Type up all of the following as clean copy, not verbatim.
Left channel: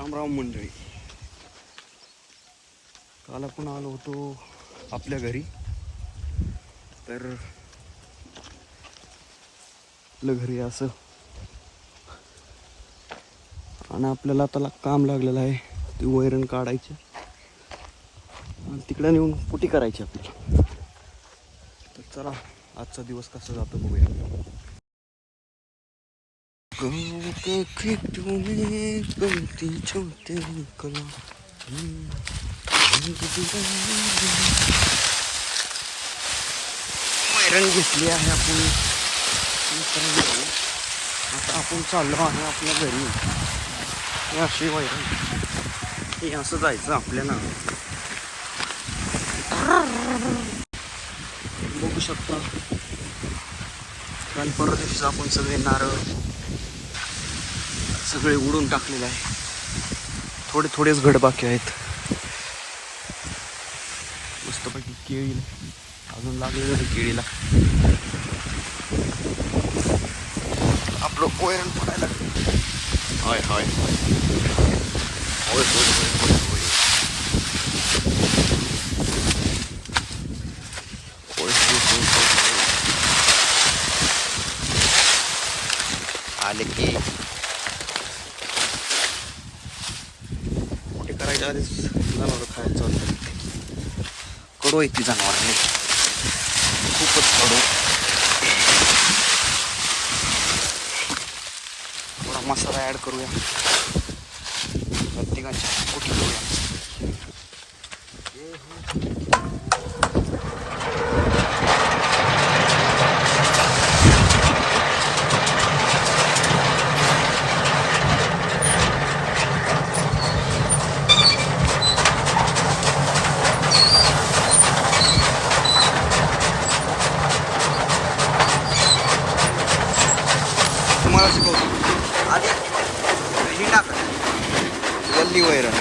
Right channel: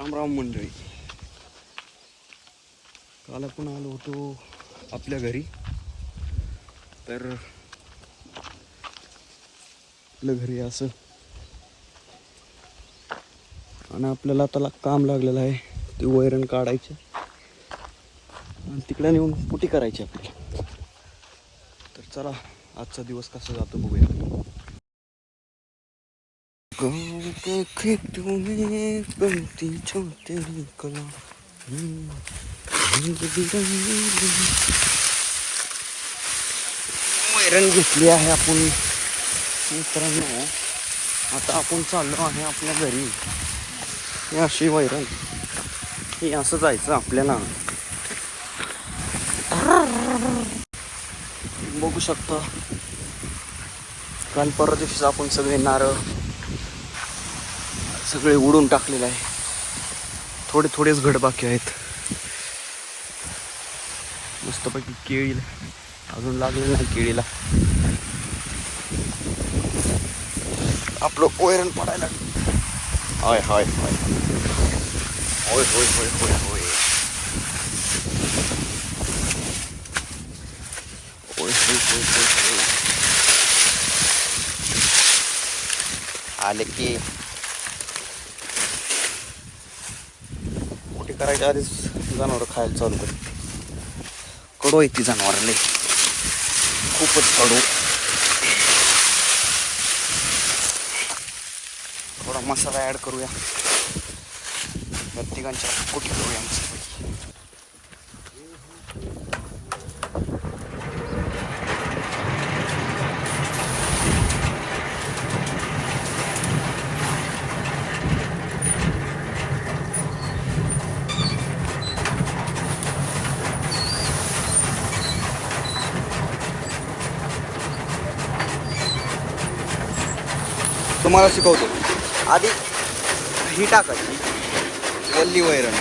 रामराम मंडळी. काल आपण आलो होतो आपल्या घरी. तर आपल्या घरी असं आणि आपल्याला आता काम लागलेलं आहे ते वैरण काढायचं आणि तिकडे नेऊन कुटी करायची आपल्याला. तर चला आजचा दिवस कसा जातो बघूया. गाँव के खेतों में बनती छोटे कला वैरण घेतली आहे आपण मित्रांनो. आता आपण चाललो आहे आपल्या घरी. हे अशी वैरण, हे असं जायचं आपल्याला. बघू शकता काल परवा दिवशी आपण सगळे नारळ सगळे उडून टाकलेले आहे. थोडेच घड बाकी आहेत. मस्तपैकी केळी अजून लागलेलं नाही केळीला. आपलं वैरण पडायला लागलं. हाय हाय हाय होय होय होय होय होय होय होय होय होय होय. आले की कुठे करायच्या आधीच जनावर खायला चालू करते. कडू आहे ती जनावरांनी, खूपच कडू. थोडा मसाला ऍड करूया, तिघांच्या कुटी करूया. तुम्हाला शिकवतो. आधी ही टाकायची वल्ली वैरण,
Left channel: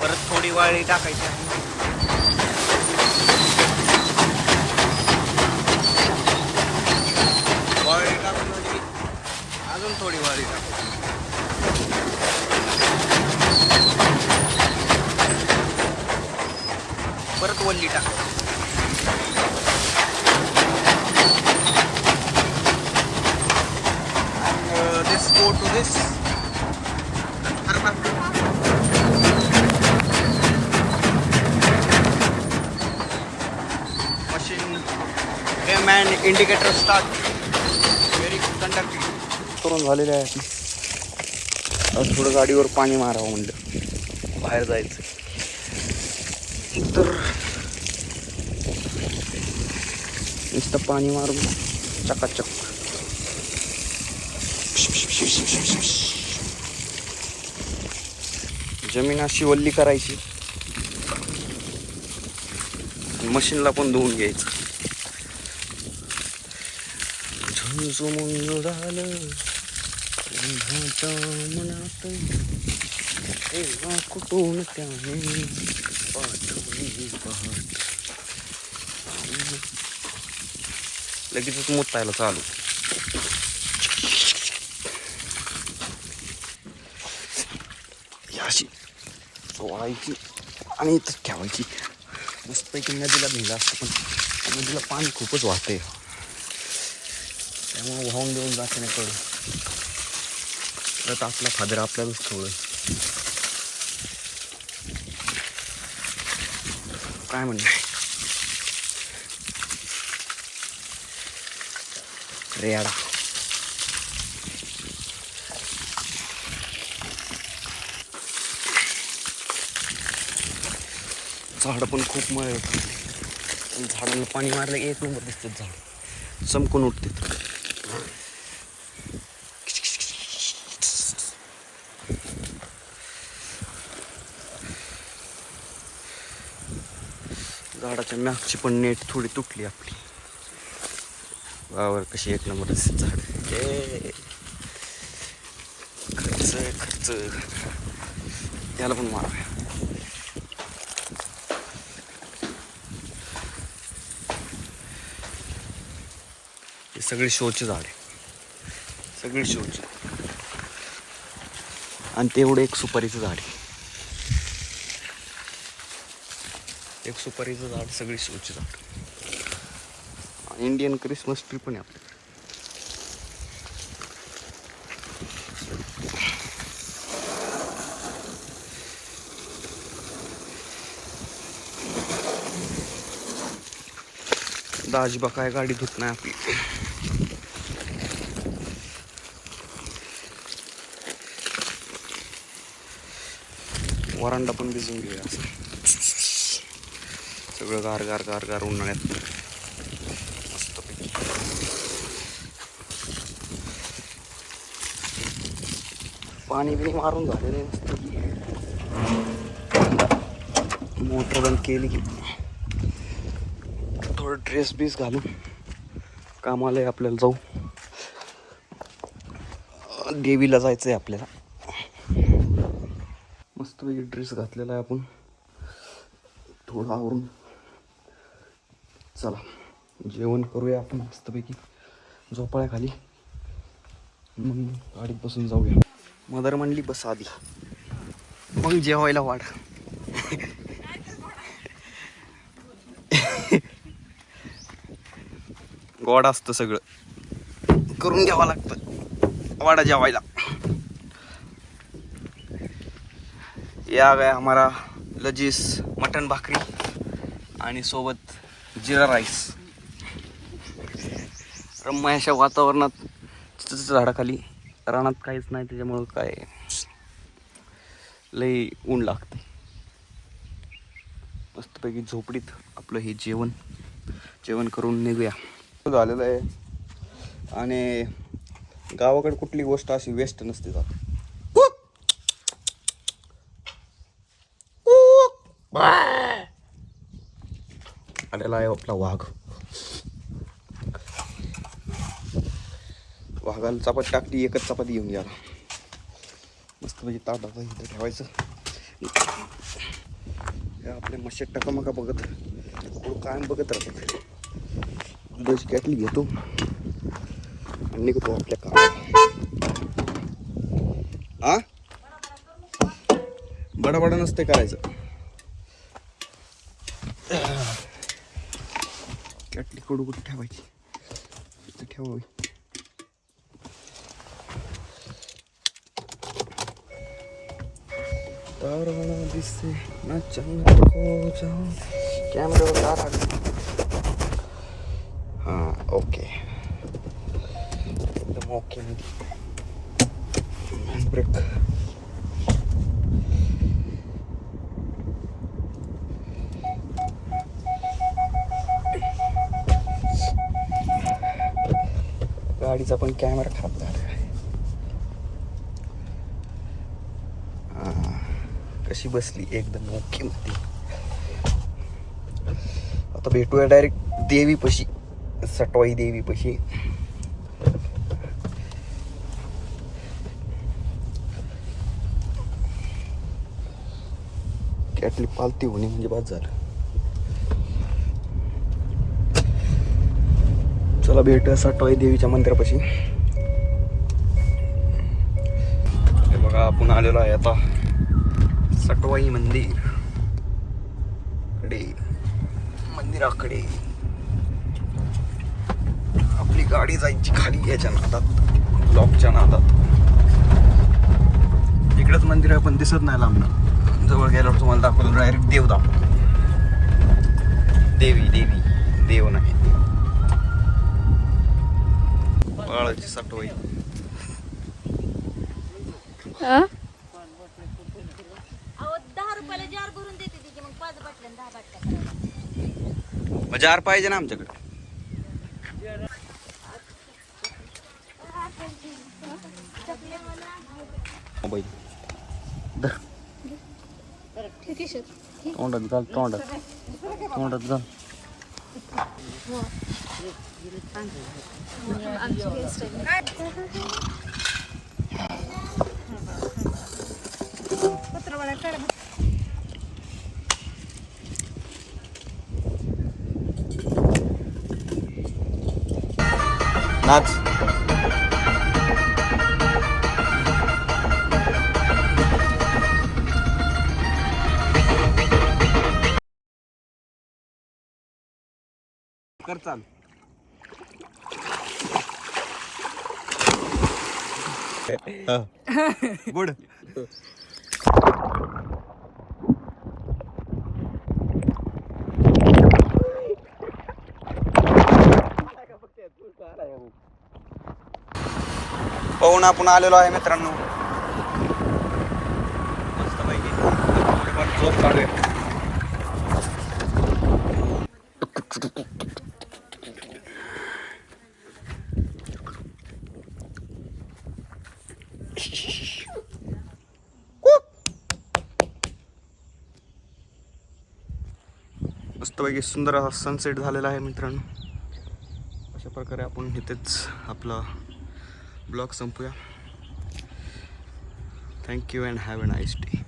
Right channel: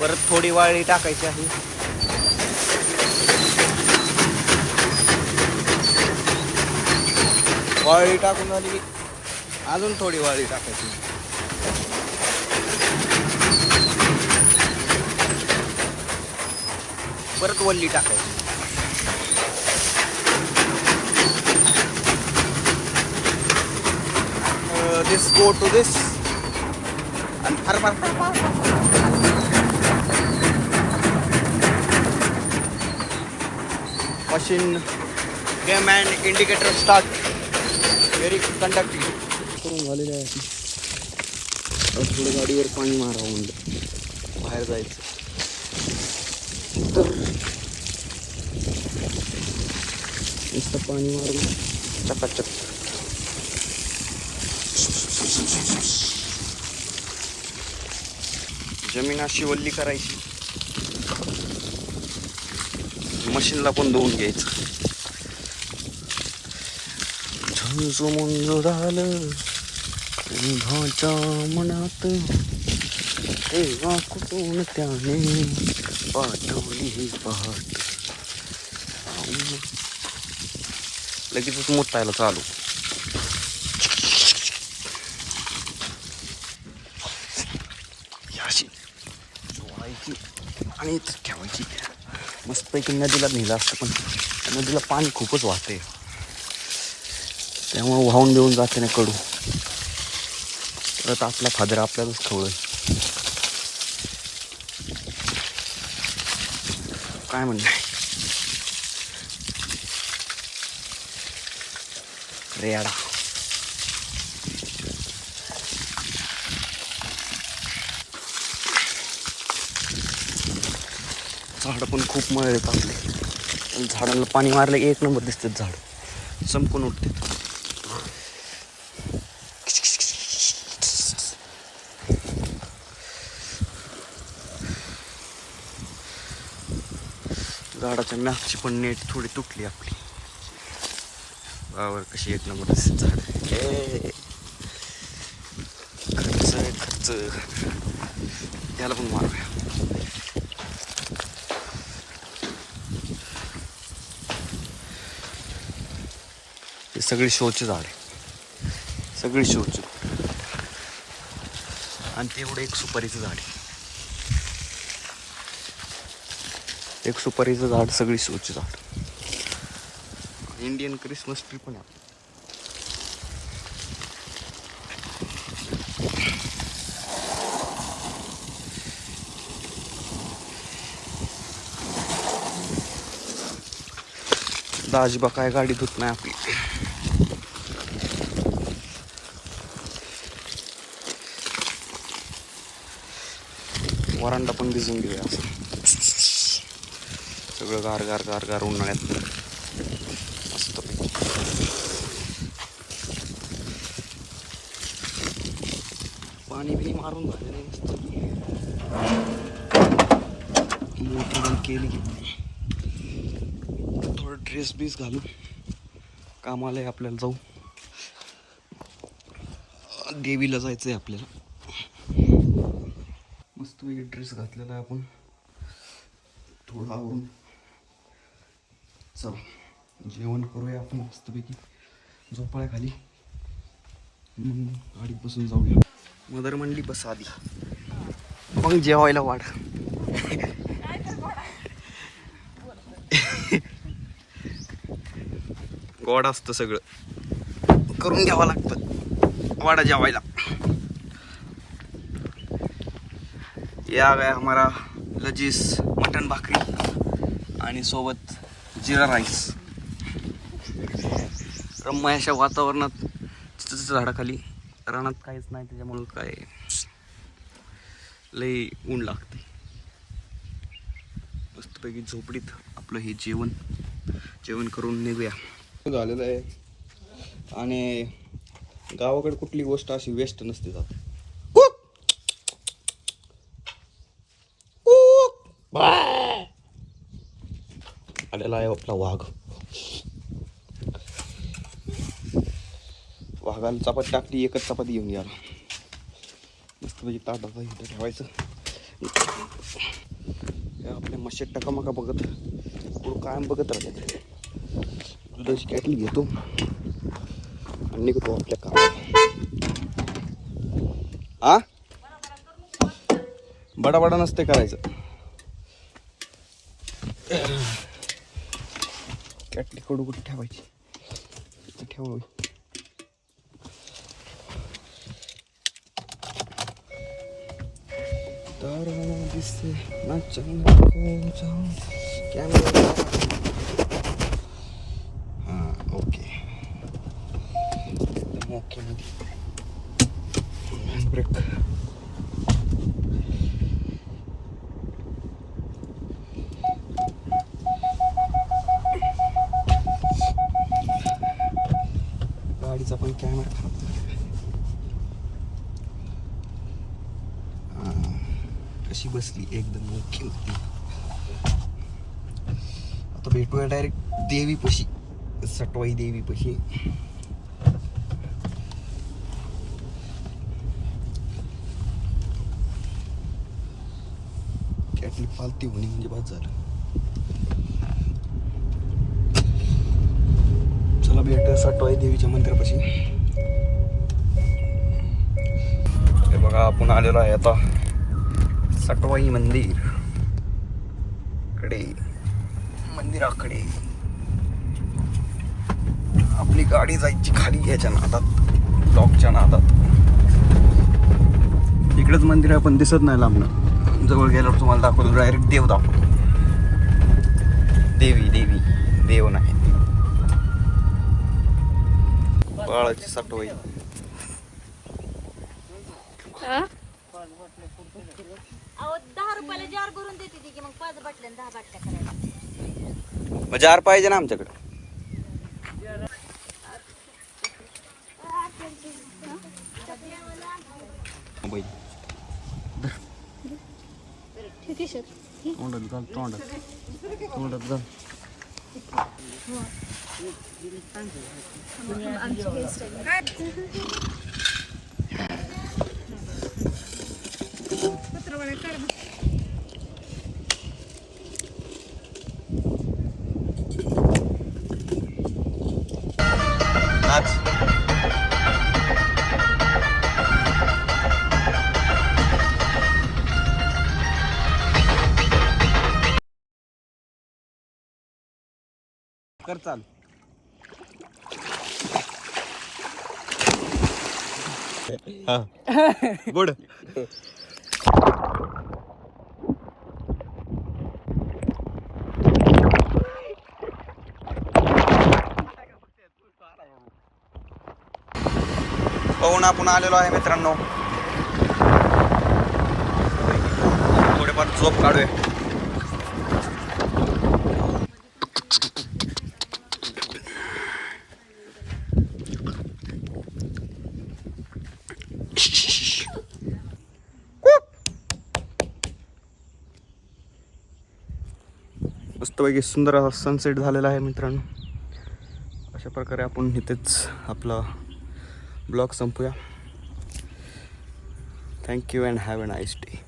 परत थोडी वाळी टाकायची आहे. वाळी टाकून झाली की अजून थोडी वाळी टाकायची. परत वल्ली टाकायची. This go to this and machine came and indicator start very conductive करून झालेले आहे. थोडं गाडीवर पाणी मारावं म्हणलं, बाहेर जायचं. तर नुसतं पाणी मारून चकाचक. जमीन अशी वल्ली करायची, मशीनला पण धुवून घ्यायचं. झुंजमुंज झालं भाच्या मनात, तेव्हा कुठून त्याने पाठवली पहाट. लगेचच मुतायला चालू. अशी सोडायची आणि इथं ठेवायची. मस्तपैकी नदीला नेलं असतं, पण नदीला पाणी खूपच वाहतंय, त्यामुळे वाहून देऊन जाते ना कडू. परत आपला फादर आपल्यालाच खवळेल. काय म्हणणं आहे रेडा. झाडं पण खूप मळे पाडले. झाडांना पाणी मारलं की एक नंबर दिसतात झाड, चमकून उठते. झाडाच्या मागची पण नेट थोडी तुटली आपली. वावर कशी एक नंबर दिसत झाड. खर्च खर्च याला पण मारूया. हे सगळे शोचे झाड आहे. सगळी शोची. आणि तेवढं एक सुपारीचं झाड आहे. एक सुपारीचं झाड, सगळी शोची झाड. इंडियन क्रिसमस ट्री पण आहे आपल्याकडे. दाजीबा काय गाडी धुत नाही आपली. वरांडा पण भिजून देऊया असं. सगळं गार गार गार गार उन्हाळ्यात मस्तपैकी. पाणी बिणी मारून झालेलं आहे मस्त. मोटर बंद केली की थोडं ड्रेस बीस घालून कामाला आहे आपल्याला. जाऊ, देवीला जायचं आहे आपल्याला. मस्तपैकी ड्रेस घातलेला आहे आपण. थोडं आवरून चला जेवण करूया आपण मस्तपैकी झोपाळ्याखाली. मग गाडीत बसून जाऊया. मदर म्हणली बस आधी, मग जेवायला वाढ. गोड असतं सगळं, करून घ्यावं लागतं वाडा जेवायला. या गया हमारा लजीज मटन भाकरी आणि सोबत जिरा राईस. रम्य अशा वातावरणात चिंचेच्या झाडाखाली, रानात काहीच नाही त्याच्यामुळं काय लई ऊन लागते. मस्तपैकी झोपडीत आपलं हे जेवण करून निघूया. झालेलं आहे. आणि गावाकडे कुठली गोष्ट अशी वेस्ट नसते जात. आलेला आहे आपला वाघ. वाघाला चपाती टाकली, एकच चपाती घेऊन गेला. मस्त म्हणजे ताटात इथं ठेवायचं. आपले मशे टकामका बघत कुठं कायम बघत राहतात. दुधाची कॅटली घेतो आणि निघतो आपल्या कामाला. हा बडा नसते करायचं. कॅटली कडू कुठे ठेवायची, इथं ठेवावी. तारा दिसे ना चंद्र को जाऊं कॅमेरा. हां ओके, एकदम ओके मध्ये. ब्रेक. गाडीचा पण कॅमेरा खराब झाला. कशी बसली एकदम मोठी मध्ये. आता भेटूया डायरेक्ट देवीपाशी, सटवाई देवीपाशी. कॅटली पालती होणे म्हणजे बाद झालं. चला भेटूया सटवाई देवीच्या मंदिरापाशी. हे बघा आपण आलेलो आहे आता सटवाई मंदिर कडे, मंदिराकडे. आपली गाडी जायची खाली याच्या नादात, ब्लॉकच्या नादात. इकडेच मंदिर आहे पण दिसत नाही लांबणं. जवळ गेल्यावर तुम्हाला दाखवतो डायरेक्ट देव दाखवतो. देवी देव नाही, बाळाची सटवाई. जार पाहिजे ना आमच्याकडे. तोंडात घाल, तोंडात घाल. नाच. कर चालू. गुड. पाहून आपण आलेलो आहे मित्रांनो. थोडेफार झोप काढूया. मस्तपैकी सुंदर असा सनसेट झालेला आहे मित्रांनो. अशा प्रकारे आपण इथेच आपला ब्लॉग संपूया. Thank you and have a nice day.